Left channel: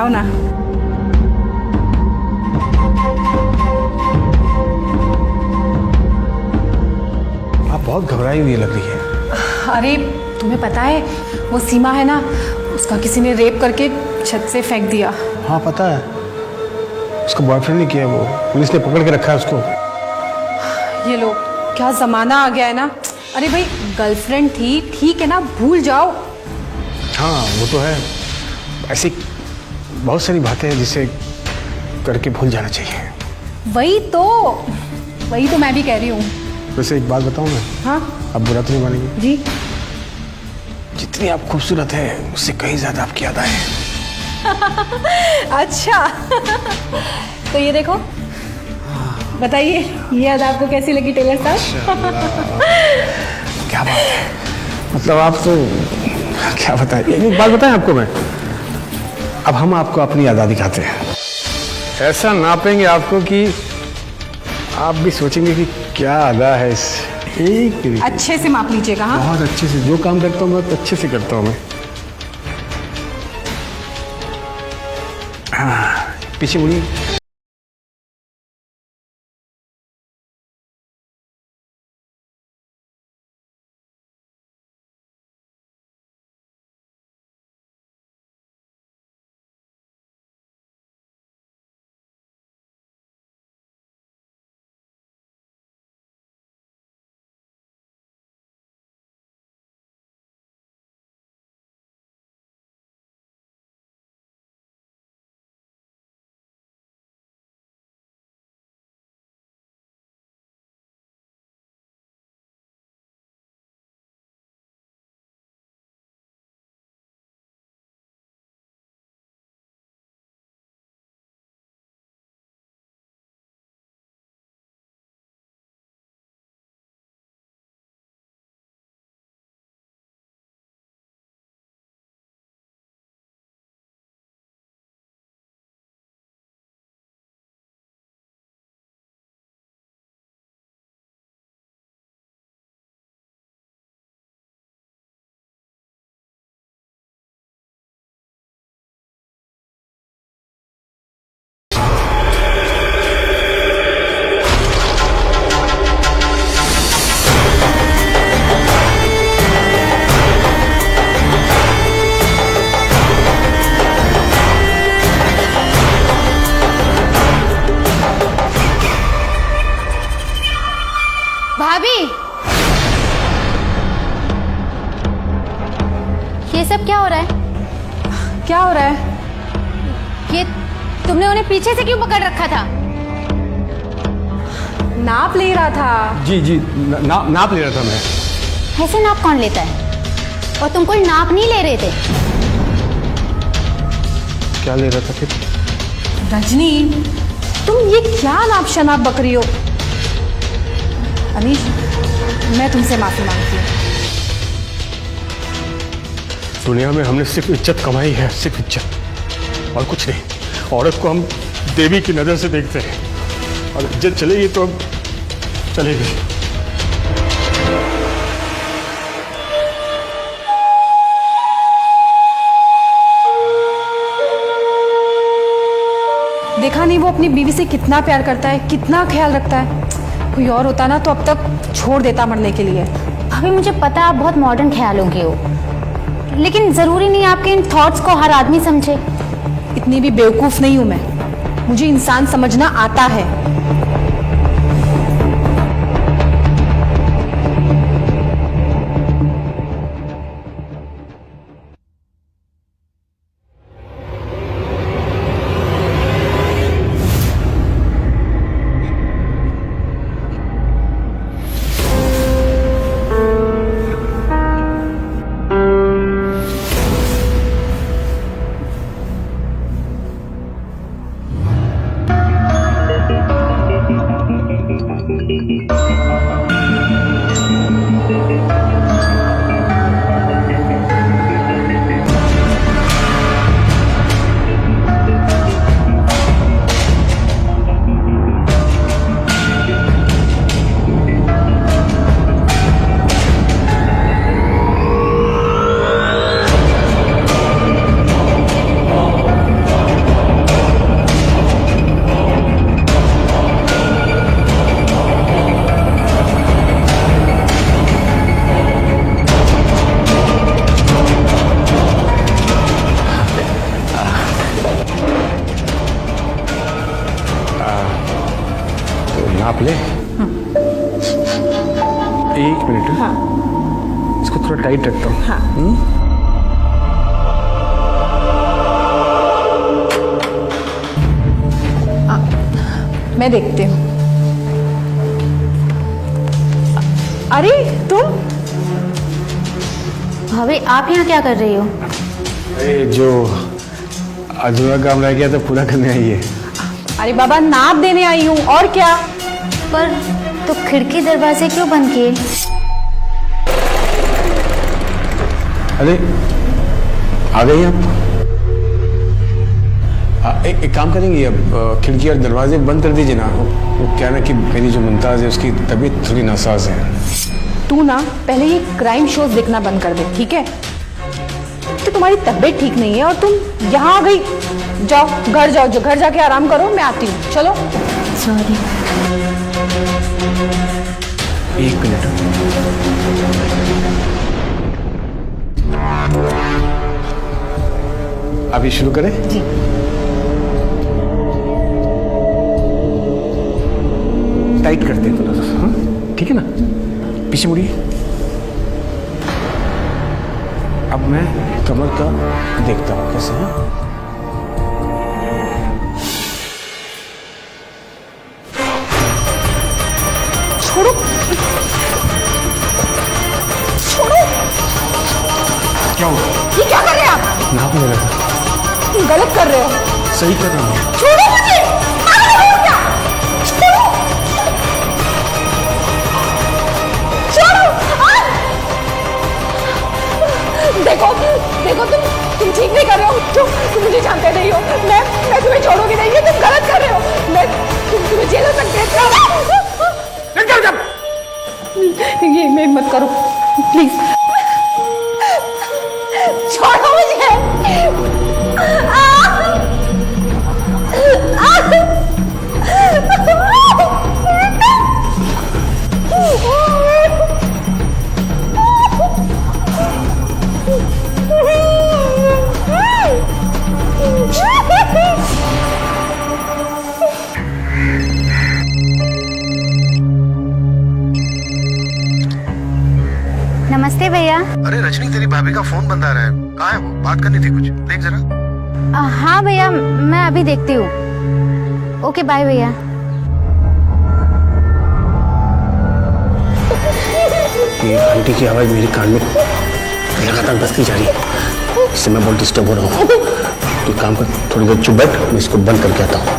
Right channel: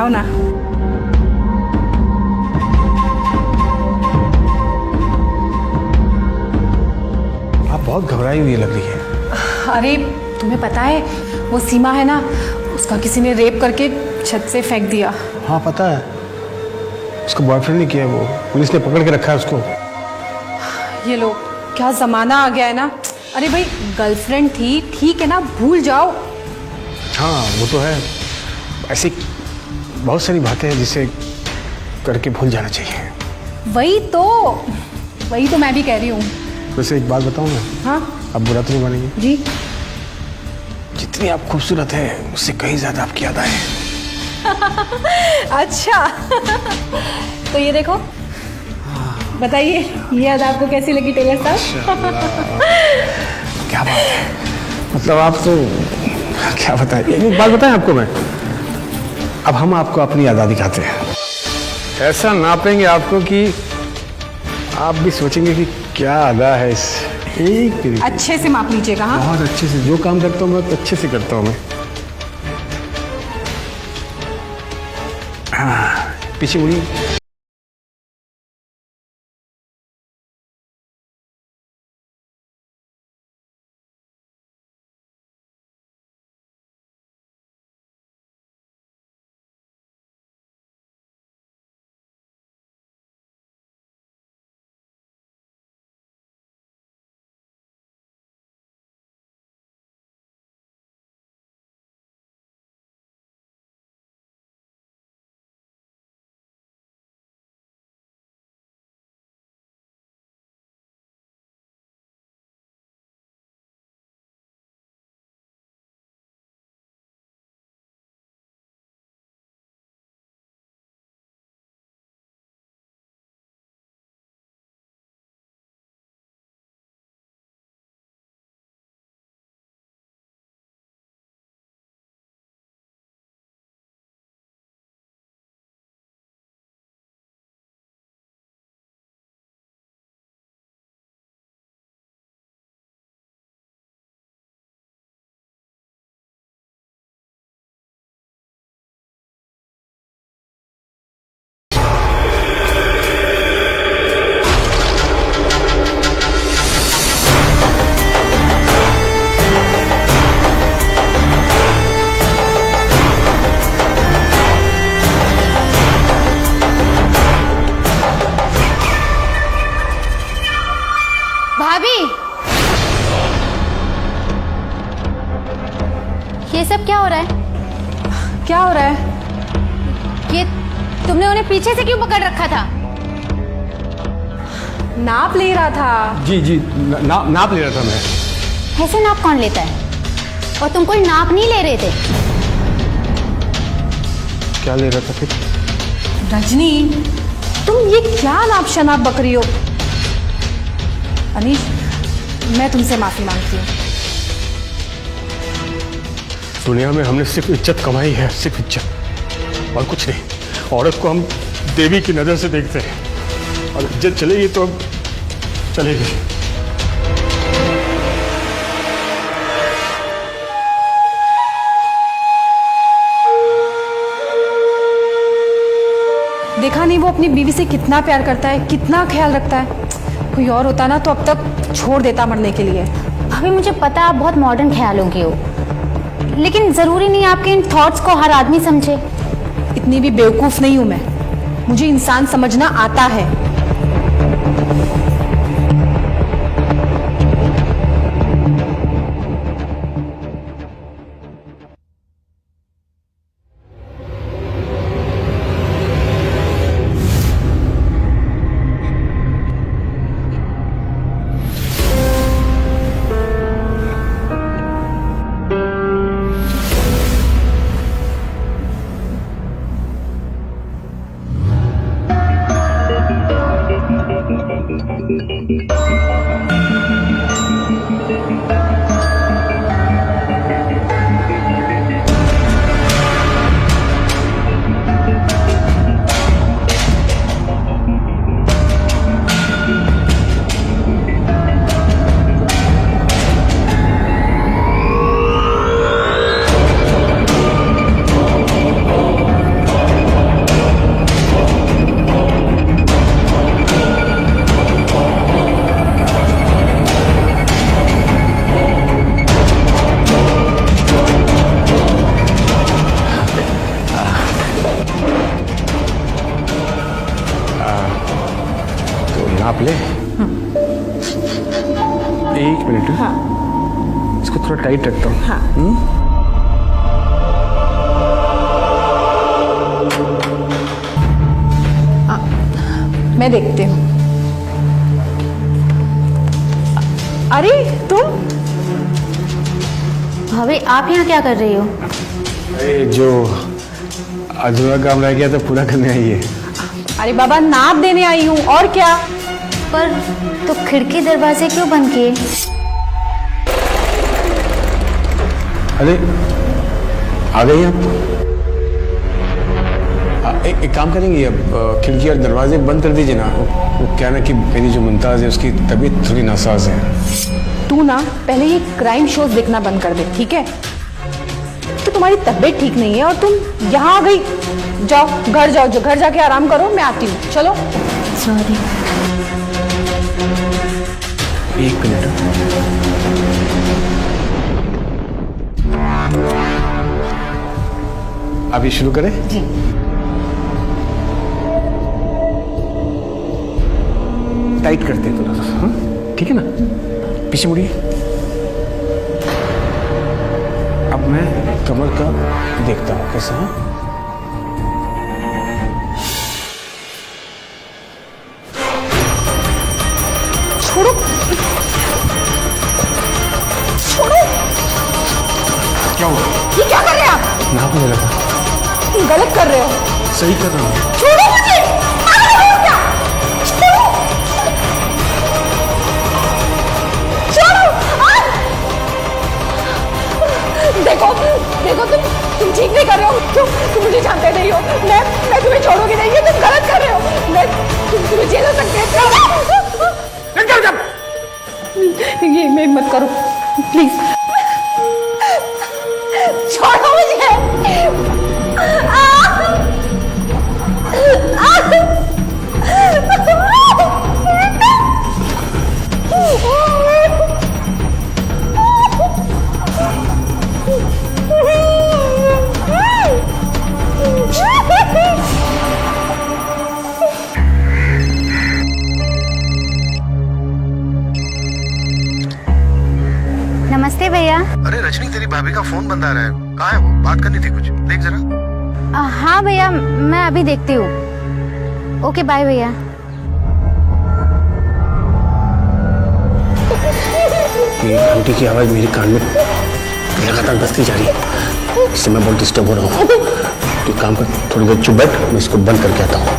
आओ ना। आप बहुत घबराई हुई लग रही है। अरे तुम्हें पता है वो सीमा है ना, उसका किसी ने रेप करके छत से फेंक दिया। हाँ पता है, उसका बॉयफ्रेंड ने किया, वो पुलिस ने पकड़ के रखा है उसको। ये लो, क्या जमाना आ गया है ना। अरे भाई गर्लफ्रेंड थी, ठीक है ना, भूल जाओ। हाँ वो तो है, ऐसी बहुत सारी बातें हैं जिसे करके भूल जाना चाहिए। वही तो मैं भी कह रही हूँ। वैसे एक बात बताऊँ मैं? हाँ अब बुरा तो नहीं मानेंगे? जी। जितनी आप खूबसूरत है उससे कहीं ज्यादा आपकी याद है। अच्छा तो ये देखो, बताइए ये याद आपको कैसी लगी टेलर साहब? क्या बात है, मतलब आप तो क्या बताएं। एक बात बताएं आपको मैं, अब हम आपको अपनी याद दिखाते हैं। ऐसा नापेंगे आपको कि आप भी सोचेंगे कि क्या अदा है इस एक। अच्छे से माप लीजिएगा। हाँ बहुत अच्छे से, जो काम करता हूँ बहुत अच्छे से करता हूँ मैं। हाँ पीछे मुड़िए। भाभी, ये सब क्या हो रहा है? क्या हो रहा है? ये तुमने उन्हें पीछे से क्यों पकड़ रखा था? नाप ले रहा था। जी जी, नाप ले रहा था मैं। ऐसे नाप कौन लेता है? और तुम कोई नाप नहीं ले रहे थे? क्या ले रहा था फिर? रजनी, तुम ये क्या नाप शनाप बक रही हो? अनीश, मैं तुमसे माफी मांगती हूँ। दुनिया में हमने सिर्फ इज्जत कमाई है, सिर्फ इज्जत और कुछ नहीं। औरत को हम देवी की नजर से देखते हैं और इज्जत चलेगी तो अब चलेगी। देखा नहीं वो अपनी बीवी से कितना प्यार करता है, कितना ख्याल रखता है। कोई और होता ना तो अब तक छोड़ देता मरने के लिए। भाभी मुझे पता है आप बहुत मॉडर्न ख्यालों की हो, लेकिन जरूरी नहीं आपके इन थॉट्स को हर आदमी समझे। इतनी भी बेवकूफ नहीं हूं मैं, मुझे इंसान समझना आता है। ले। एक मिनट। हाँ। इसको थोड़ा टाइट रखता हूँ। हाँ। मैं देखती हूँ। अरे तुम भाभी आप यहाँ क्या कर रही हो? अरे जो अधूरा काम रह गया तो पूरा करने आई है। अरे बाबा नाप देने आई हूँ, और क्या। पर तो खिड़की दरवाजे क्यों बंद किए? अरे आ गई आप। एक काम करेंगे, अब खिड़की और दरवाजे बंद कर दीजिए ना। वो क्या ना कि मेरी जो मुमताज़ है उसकी तबीयत थोड़ी नासाज है। तू ना पहले ये क्राइम शोज देखना बंद कर दे, ठीक है। तो तुम्हारी तबीयत ठीक नहीं है और तुम यहाँ आ गई। जाओ घर जाओ, घर जाके आराम करो, मैं आती हूँ। चलो। सॉरी। एक मिनट। अभी शुरू करें? जी। टाइट करते हैं थोड़ा सा। हाँ ठीक है ना। पीछे मुड़िए। अब मैं कमर का देखता हूँ कैसे है। छोड़ो छोड़ो। क्या हुआ? ये क्या कर रहे हैं आप? नापने लगा। तुम गलत कर रहे हो। सही कर रहा हूँ। छोड़ो मुझे। पागल हो क्या? छोड़ो छोड़ो। देखो देखो, तुम ठीक नहीं कर रहे हो। तुम मुझे जानते नहीं हो। मैं तुम्हें छोड़ूंगी नहीं। ये तुम गलत कर रहे हो। तुम्हें जेल हो सकते हैं। ये मैं मत करो प्लीज। छोड़ो मुझे। नमस्ते भैया। अरे रजनी, तेरी भाभी का फोन बंद आ रहा है। कहाँ है वो? बात करनी थी कुछ, देख जरा। हाँ भैया, मैं अभी देखती हूँ। ओके बाय भैया। ये घंटी की आवाज मेरे कान में लगातार बजती जा रही है। इससे मैं बहुत डिस्टर्ब हो रहा हूँ। तो काम कर, थोड़ी देर चुप बैठ, मैं इसको बंद करके आता हूँ।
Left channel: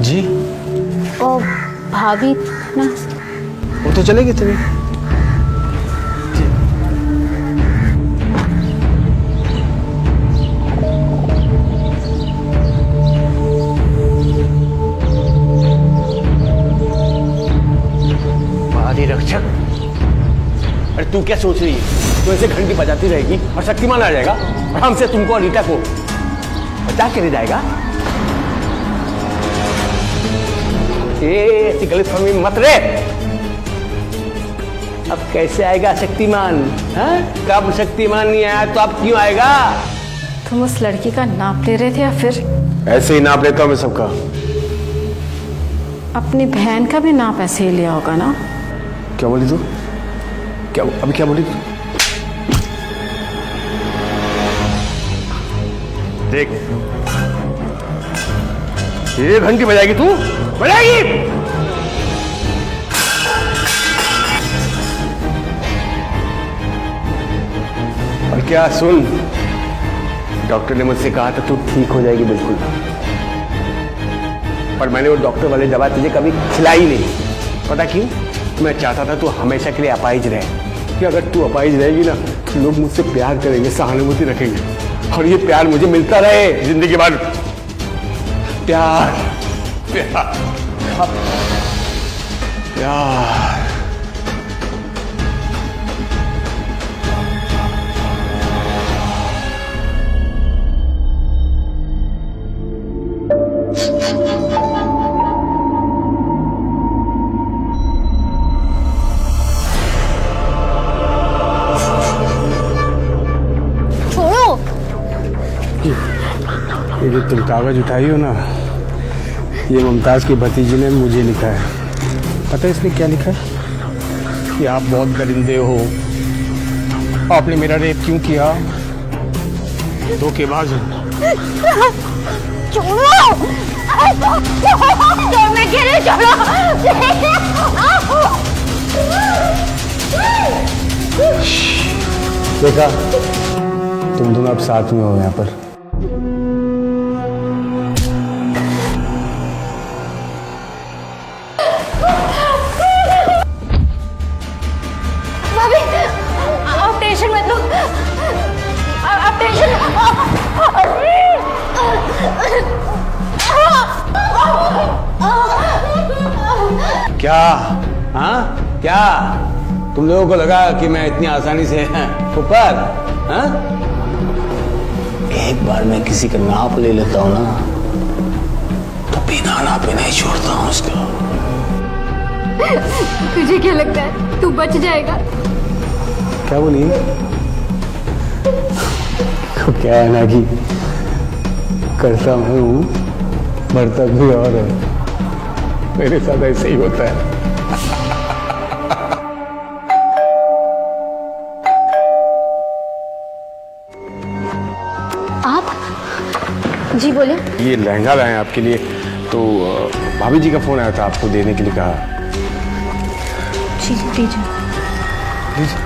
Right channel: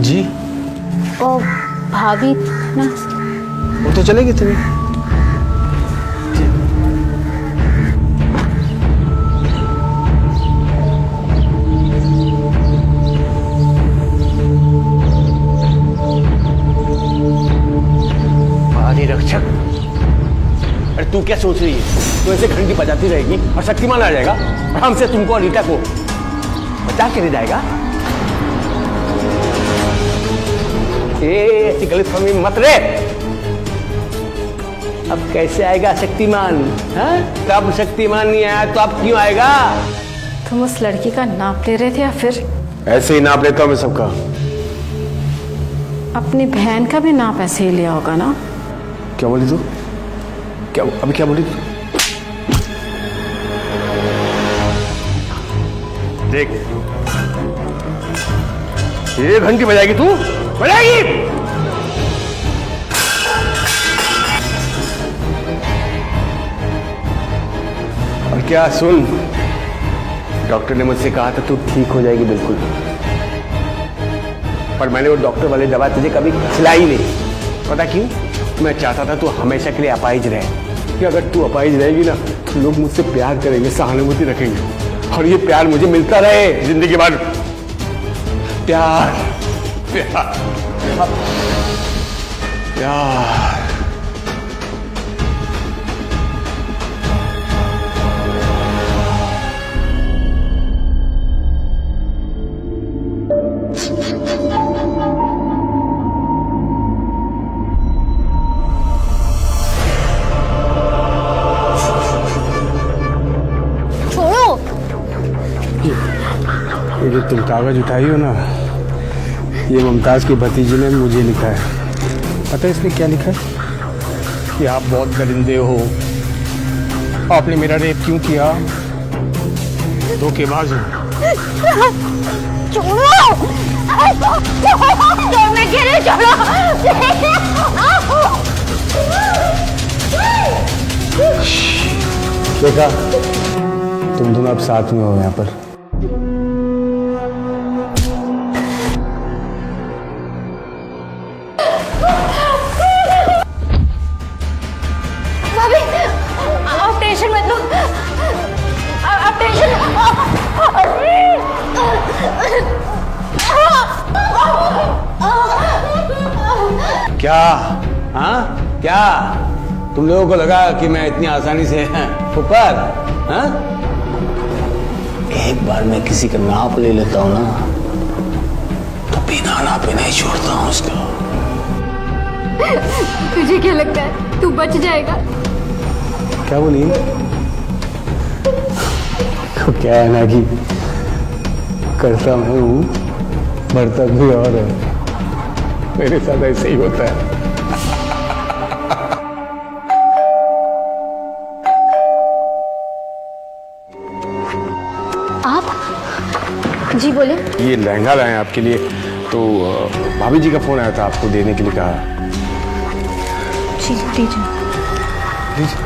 जी। ओ भाभी ना। वो तो चलेगी तुम्हें। आदि रक्षक, अरे तू क्या सोच रही है? तू ऐसे घंटी बजाती रहेगी और शक्तिमान आ जाएगा और हमसे तुमको और रीटा को बचा के ले जाएगा? ऐसी गलतफहमी मत रे। अब कैसे आएगा शक्तिमान? हाँ? कब शक्तिमान नहीं आया तो अब क्यों आएगा? तुम उस लड़की का नाप ले रहे थे या फिर? ऐसे ही नाप लेता हूं मैं सबका। अपनी बहन का भी नाप ऐसे ही लिया होगा ना? क्या बोली तू? क्या अभी क्या बोली तू? देख, ये घंटी बजाएगी तू? बजाएगी? और क्या सुन, डॉक्टर ने मुझसे कहा था तू ठीक हो जाएगी बिल्कुल, पर मैंने वो डॉक्टर वाली दवा तुझे कभी खिलाई नहीं। पता क्यों? मैं चाहता था तू हमेशा के लिए अपाहिज रहे, कि अगर तू अपाहिज रहेगी ना तो लोग मुझसे प्यार करेंगे, सहानुभूति रखेंगे, और ये प्यार मुझे मिलता रहे जिंदगी भर। प्यार प्यार प्यार। ये जो तुम कागज उठाई हो ना, ये मुमताज की भतीजी ने मुझे लिखा है। पता है इसने क्या लिखा है? कि आप बहुत दरिंदे हो, आपने मेरा रेप क्यों किया, धोखेबाज हो। मैं कह रही छोड़ो। देखा, तुम दोनों अब साथ में हो यहाँ पर। भाभी, आप टेंशन मत लो, आप टेंशन। क्या? हाँ क्या तुम लोगों को लगा कि मैं इतनी आसानी से ऊपर? हाँ, एक बार मैं किसी का नाप ले लेता हूं ना, तो बिना नापे नहीं छोड़ता हूं उसको। तुझे क्या लगता है तू बच जाएगा? क्या बोली? तो क्या है ना कि करता मैं हूं, मरता भी और है। मेरे साथ ऐसे ही होता है। आप जी बोले। ये लहंगा लाए हैं आपके लिए, तो भाभी जी का फोन आया था, आपको देने के लिए कहा। जी दीजिए। दीजिए।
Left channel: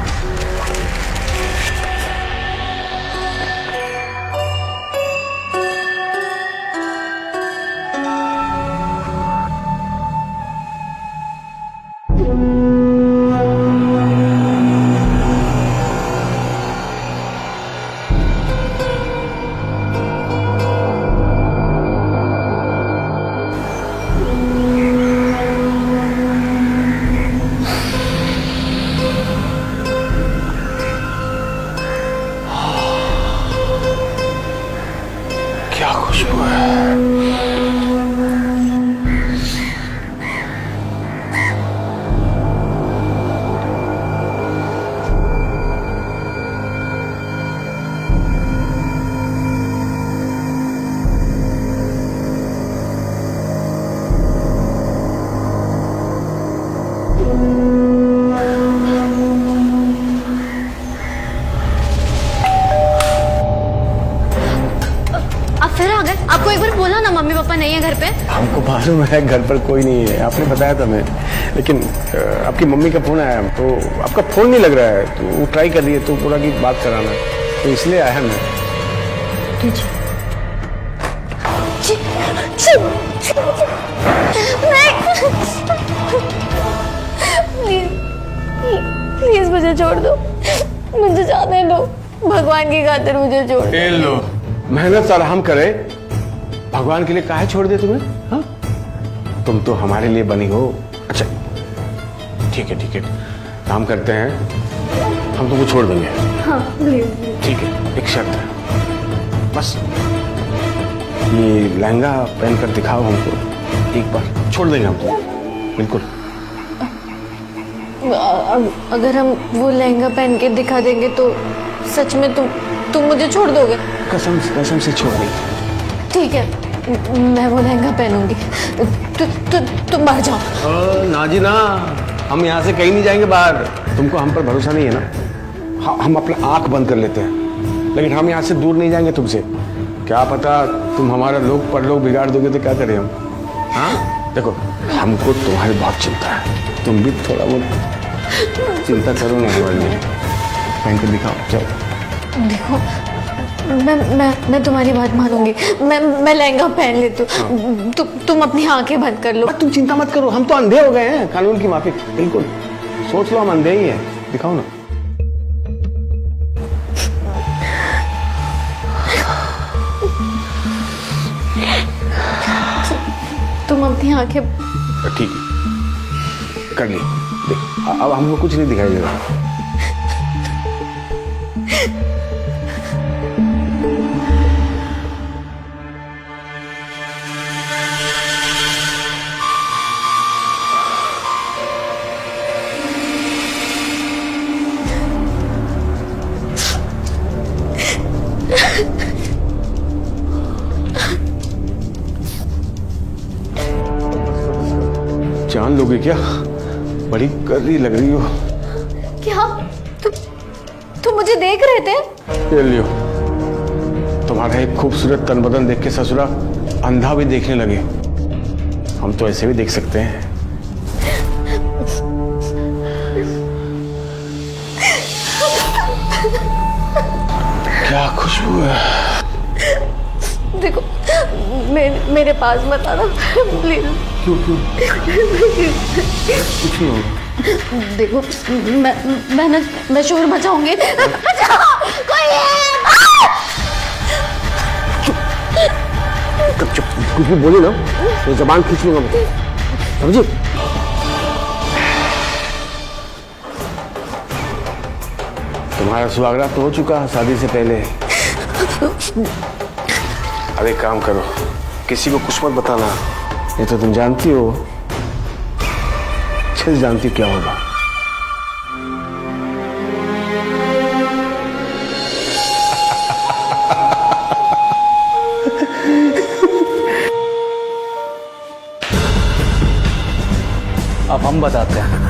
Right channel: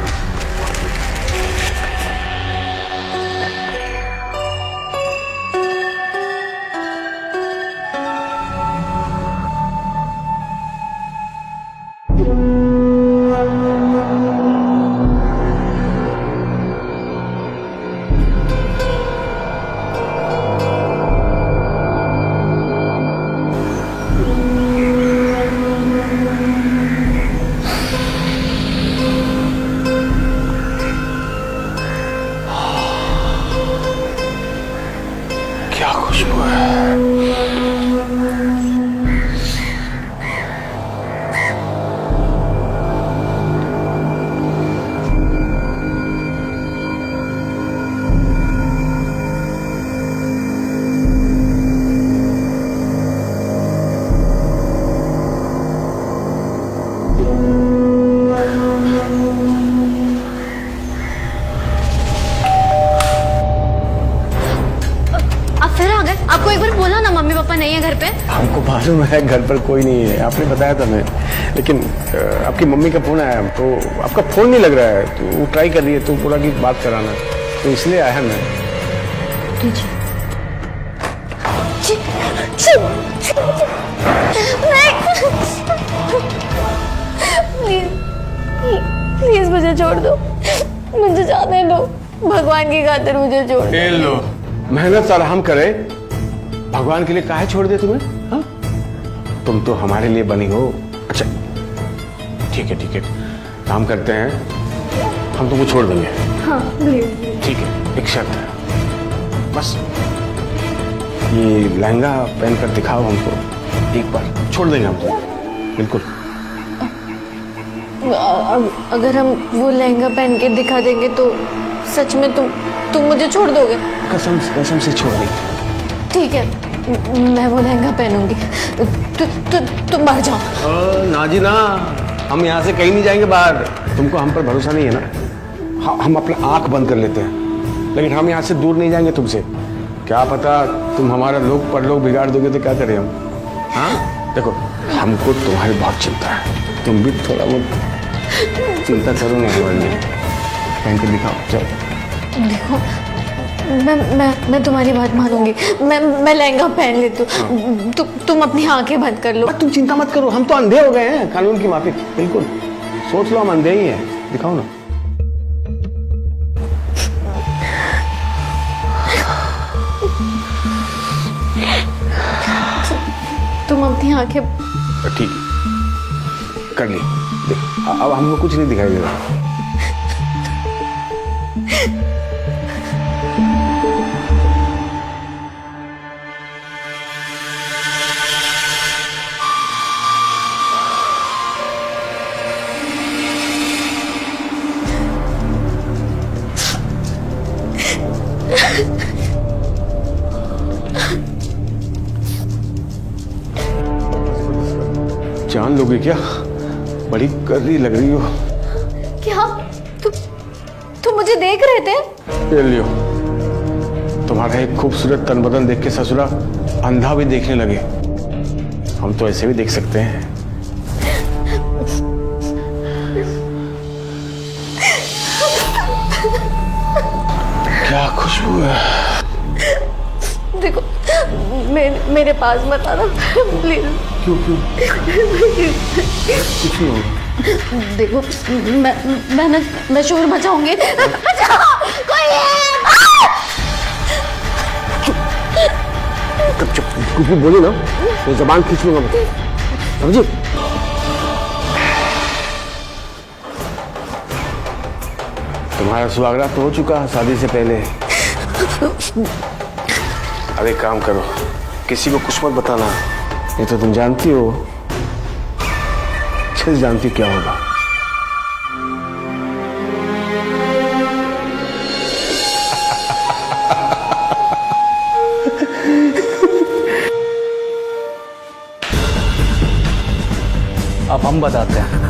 क्या खुशबू है। आप फिर आ गए? आपको एक बार बोला ना मम्मी पापा नहीं है घर पे। हमको मालूम है घर पर कोई नहीं है, आपने बताया था मैं, लेकिन आपकी मम्मी का फोन आया तो आपका फोन नहीं लग रहा है, तो वो ट्राई कर रही है, तो बोला कि बात कराना, तो इसलिए आया मैं। प्लीज मुझे छोड़ दो, मुझे जाने दो, भगवान की खातिर मुझे छोड़ दो। खेल लो, मेहनत आराम करे, भगवान के लिए काहे छोड़ दे तुम्हें? हाँ, तुम तो हमारे लिए बनी हो। अच्छा ठीक है, काम करते हैं, हम तुमको छोड़ देंगे। हाँ प्लीज। ठीक है, एक शर्त है बस, ये लहंगा पहनकर दिखाओ हमको एक बार, छोड़ देंगे हम तुमको बिल्कुल। अगर हम वो लहंगा पहन के दिखा देंगे तो सच में तुम मुझे छोड़ दोगे? कसम से छोड़ देंगे। ठीक है, मैं वो लहंगा पहनूंगी। तुम बाहर जाओ। ना जी ना, हम यहाँ से कहीं नहीं जाएंगे बाहर। तुमको हम पर भरोसा नहीं है ना? हम अपना आंख बंद कर लेते हैं, लेकिन हम यहाँ से दूर नहीं जाएंगे तुमसे। क्या पता तुम हमारा लोग पर लोग बिगाड़ दोगे तो क्या करें हम? हाँ देखो, हमको तुम्हारी बहुत चिंता है, तुम भी थोड़ा बहुत चिंता करो ना हमारे लिए। पहन कर दिखाओ, चलो। देखो, मैं तुम्हारी बात मानूंगी, मैं लहंगा पहन लेती हूँ। तुम अपनी आंखें बंद कर लो। तुम चिंता मत करो, हम तो अंधे हो गए हैं कानून की माफिक, बिल्कुल। सोच लो हम अंधे ही हैं, दिखाओ ना। तुम अपनी आंखें। ठीक है, कर ली, देख अब हमको कुछ नहीं दिखाई दे रहा। जान लोगे क्या? बड़ी कर्री लग रही हो। क्या तुम मुझे देख रहे थे? ये लियो, तुम्हारा एक खूबसूरत तन बदन देख के ससुरा अंधा भी देखने लगे। हम तो ऐसे भी देख सकते हैं। क्या खुशबू है। देखो मेरे पास मत आना प्लीज। क्यों क्यों? कुछ नहीं होगा। देखो मैं शोर मचाऊंगी। कोई है? चुप चुप, कुछ भी बोली ना तो जबान खींच लूंगा मैं, समझी? तुम्हारा सुहागरात तो हो चुका है शादी से पहले। अब एक काम करो, किसी को कुछ मत बताना, ये तो तुम जानती हो, अच्छे से जानती हो क्या होगा। अब हम बताते हैं।